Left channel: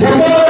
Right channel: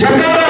జనతా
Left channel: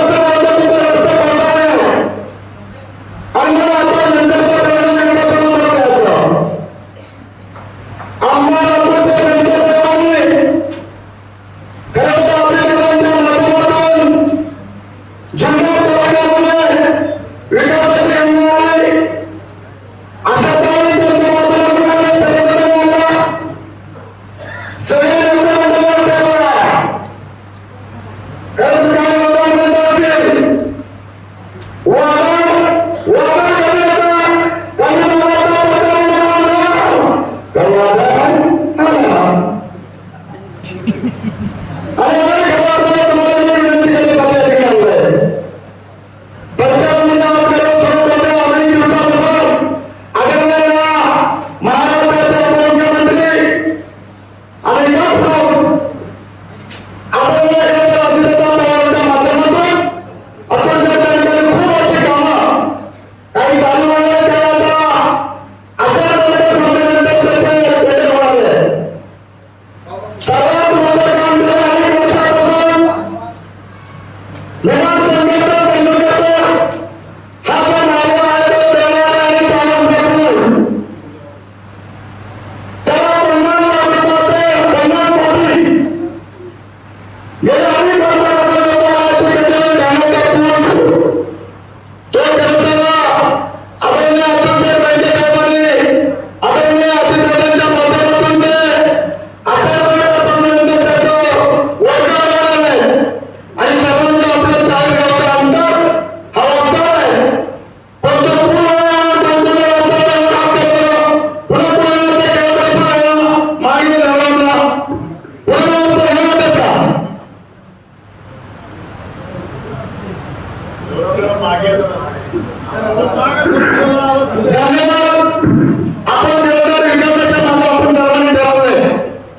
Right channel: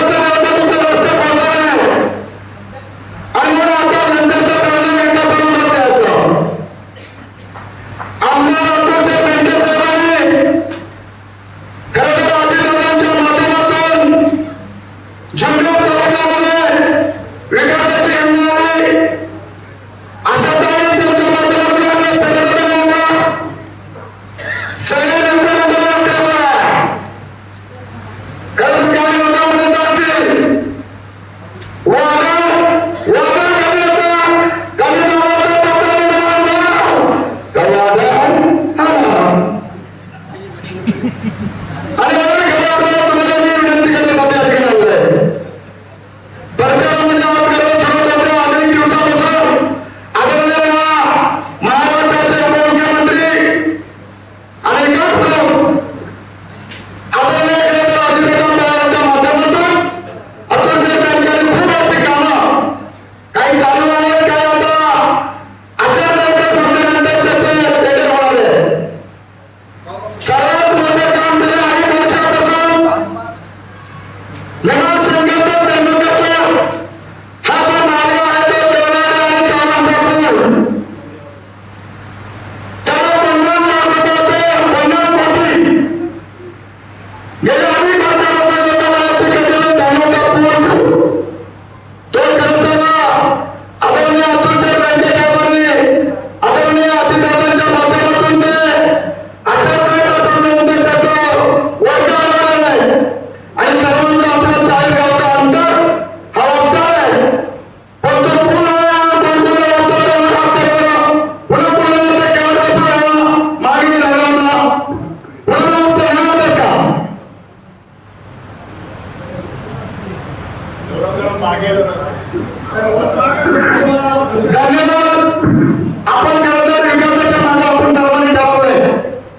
आपण आपण ठरवले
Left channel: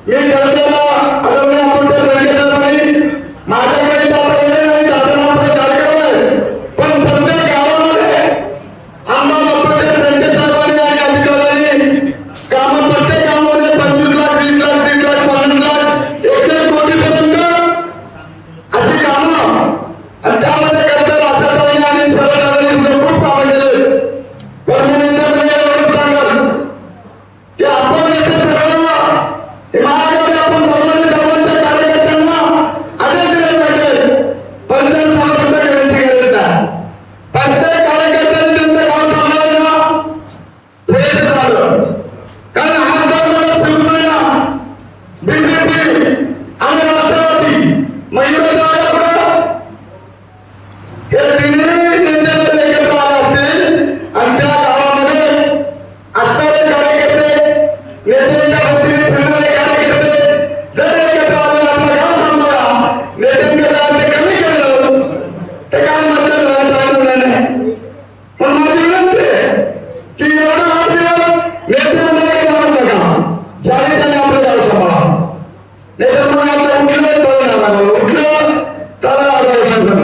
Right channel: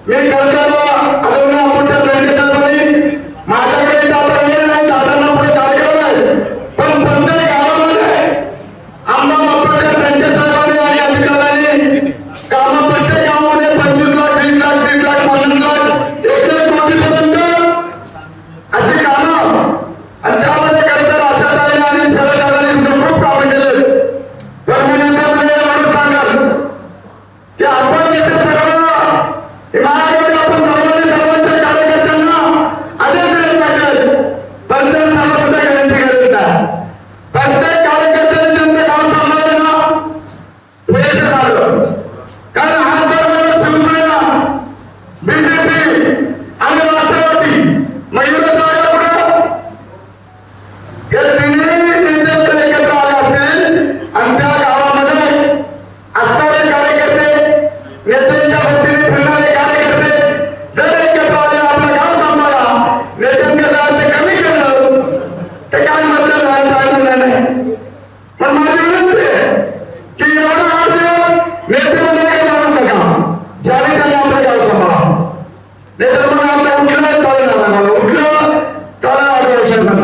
मी উঠলে তবে নানা উঠল তারা আবার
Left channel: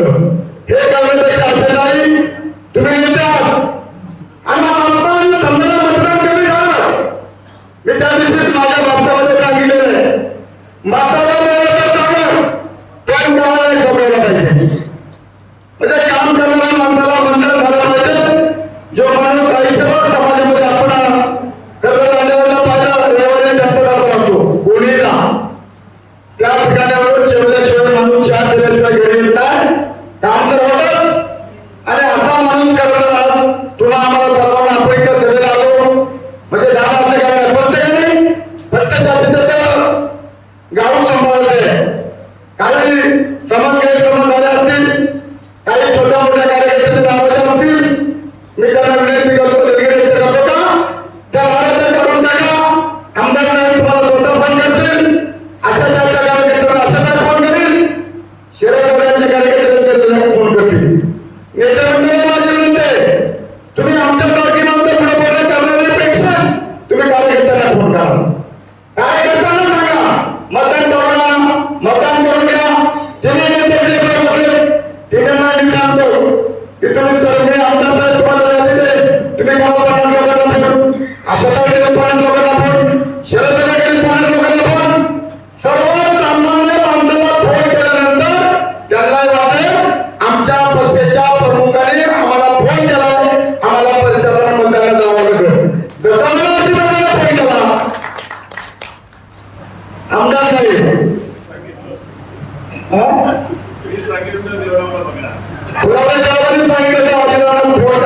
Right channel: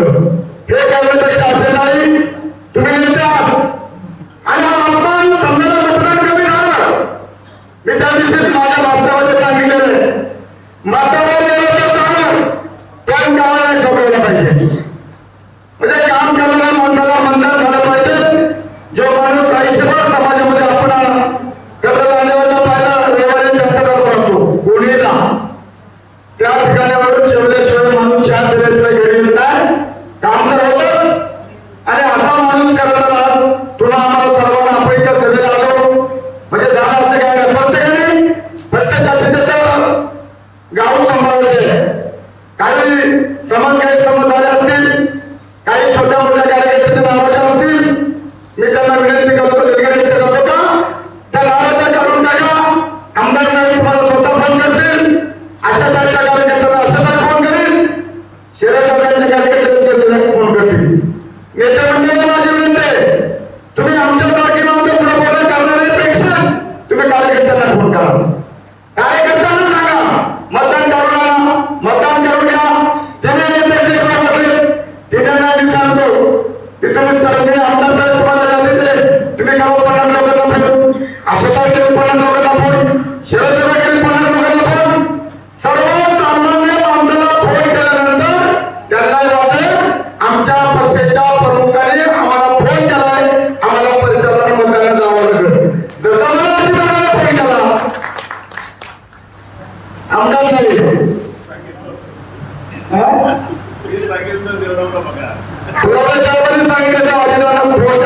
होते काही समाजकाही समज झाले असतील काही छोट्या मोठ्या कार्यकर्त्यांची नावाच्या होतील मी त्यांना विनंती करतो निर्गणित करतो का त्या नावाच्या करून टाका आमदार नाही तुम्हाला स्वतः फोन करतील अशा त्यांच्या कार्यकर्त्यांना अशा नाही फोन करील शिराजवळच्या कार्यकर्त्यांना फोन करतील नेत्यांना माझी विनंती तुम्ही आमच्या పూర్వ జగన్ సంఘ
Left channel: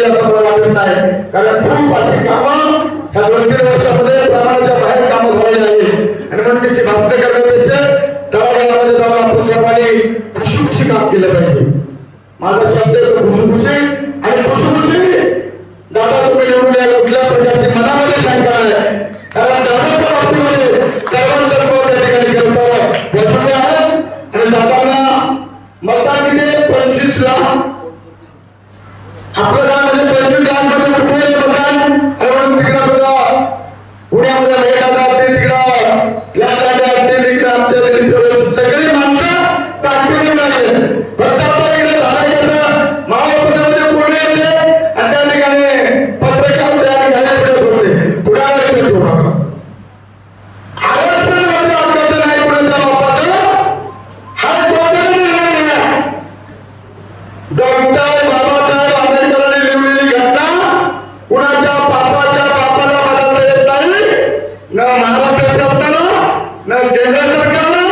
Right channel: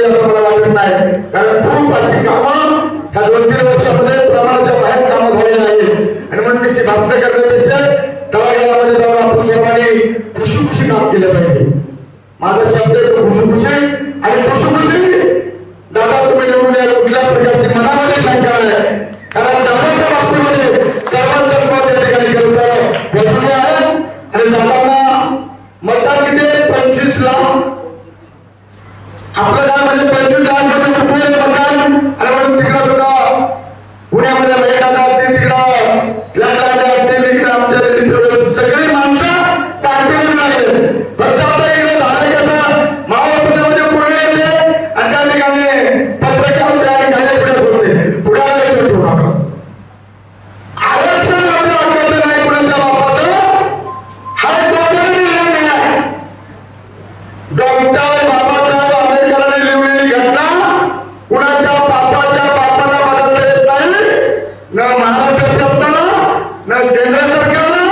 ಜಿಲ್ಲೆಯ ಪರವಾಗಿ ಕಾರ್ಯಕ್ರಮ ಪೂರ್ವ ಸಿಕ್ಕಮ್ಮ ಹದಿನೆಂಟು ವರ್ಷ ಪ್ರಮಾಣ నలభై చెప్తాను నాకు జనరల్ సర్కారు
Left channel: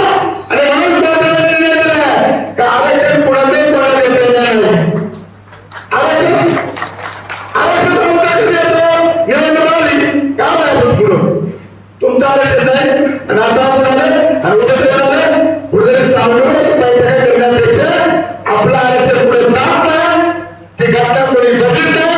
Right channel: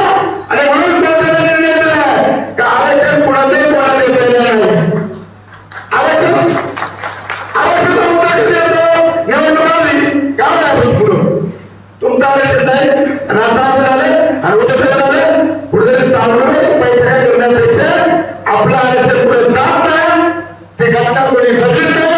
అని మనం ఆలోచన కూడా ఆలోచన तुमचा आरक्षण नाही आणि आता आपण आलं आणि उद्या जेवण आलं पुढे चालवून बैठका करण्यापेक्षा आपलं आरक्षण पुढे जात नाही ते घटना कोणी बघितलं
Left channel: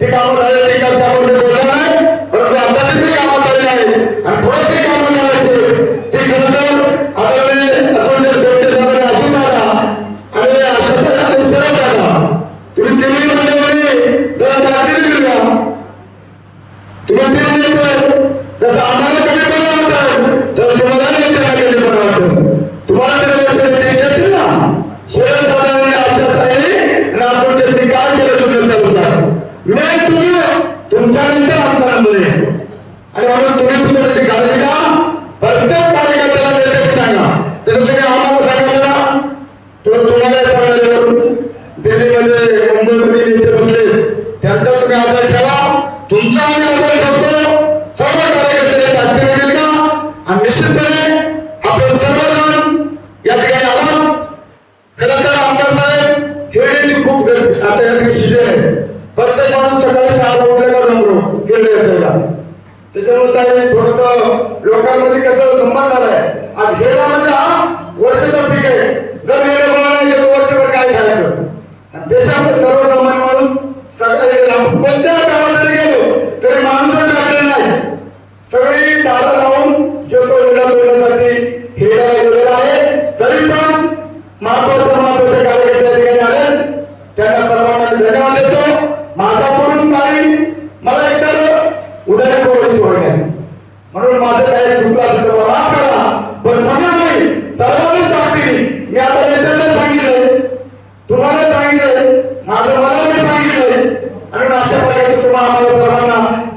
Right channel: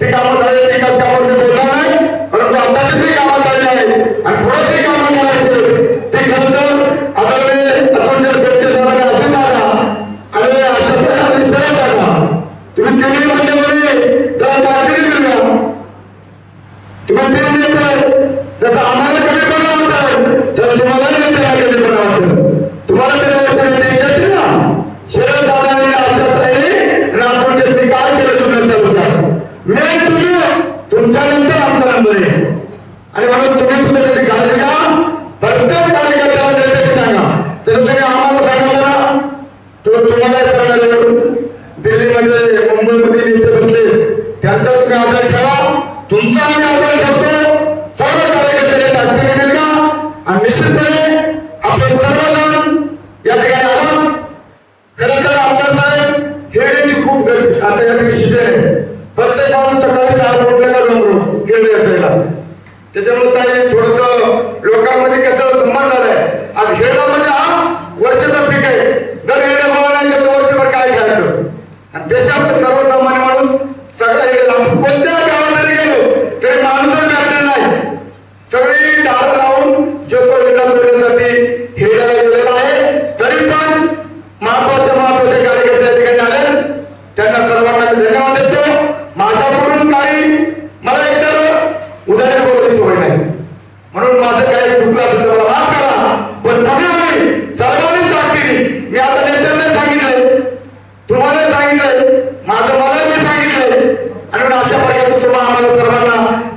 ते कामं झाले ते कामं मी बोलणार नाही परंतु आता जे कामं झालेली आहे आणि पुढे जे काम करायचे ते खरं तर आदरणीय अतुलजी बेटे साहेबांनी अशी दादा आणि अशोक आणि सरळ दादा तुम्ही टीव्ही मध्ये जर तुम्ही तो तुम्हाला सांगणार आहे. दिल्लीमध्ये मुंबईमध्ये नेते बसले. त्यांचा तुम्ही आधार ठेवा. तुमचा आम्ही आधार ठेवतो सर्व कार्यकर्त्यांनी टाकते मिळेल का? आणि निश्चितपणे आपण सर्वजण या ठिकाणी आलो खरं तर आमदार साहेब खेळण्याची खूप गरज आता या ठिकाणी सीजन प्रत्येक माणूस सकाळी सहा उठलेला जातो खेळ असायला. त्याच्यामुळे काही थोडस लोकांमध्ये कसं संबंध झालाय. आज हेडा म्हणजे हा वर्षाचा पीक आहे. जर हेडा नाही करायचं. आणि देशामध्ये सर्वसामान्य म्हणून सगळ्या आपण कोणत्या गावामध्ये गेलो तरी माणूस भेटले नाही. सगळी दारं लावून जो तो येण्यासाठी सांगितलंय माझं मला मी सांगितलंय आणि अशा प्रकारचं तुम्हाला आम्हाला सर्वांना सांगण्यात